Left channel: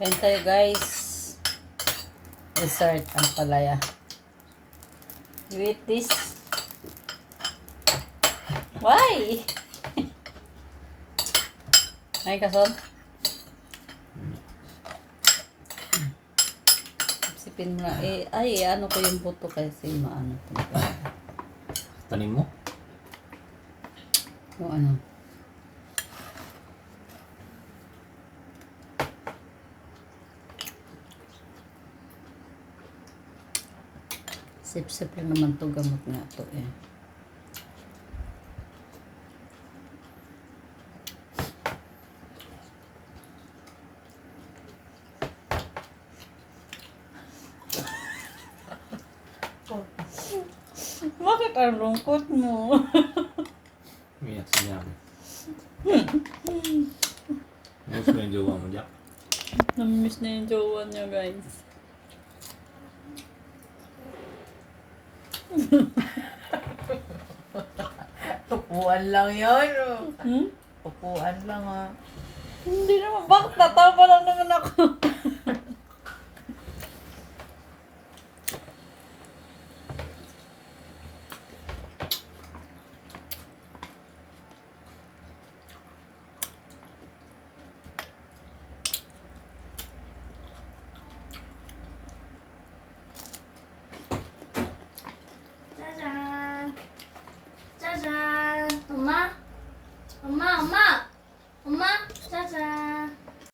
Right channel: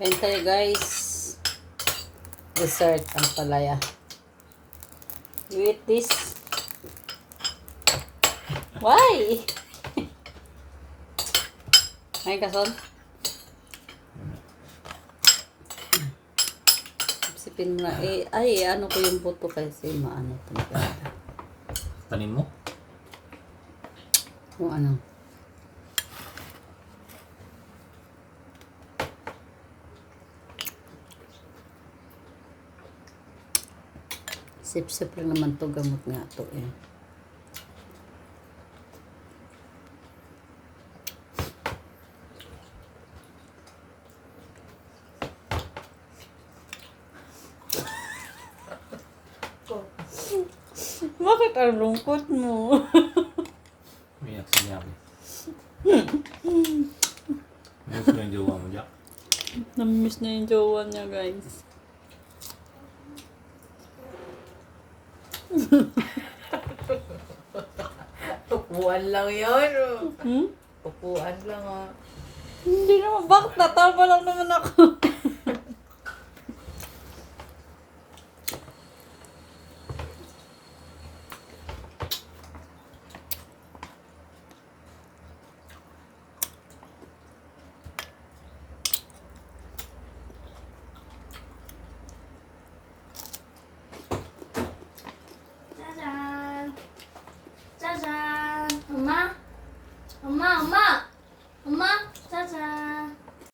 Kain tayo guys. Dessert ang palaya. You eat this? Why? Ay kason? Sipin mo na. Ano ko yung buto kasi maano to. Tanim mo? O ano? Sip-sip lang naman to, gamot nga to eh. Bakit ang lungkot mo? Umiyak si Jack. Miss mo yung jowa mo, Jack? Namimiss na yung jowa niya guys. Upuan lang yun. Hmm? Upuan lang ah. Hindi naman. Bakit natawa lang naman ako?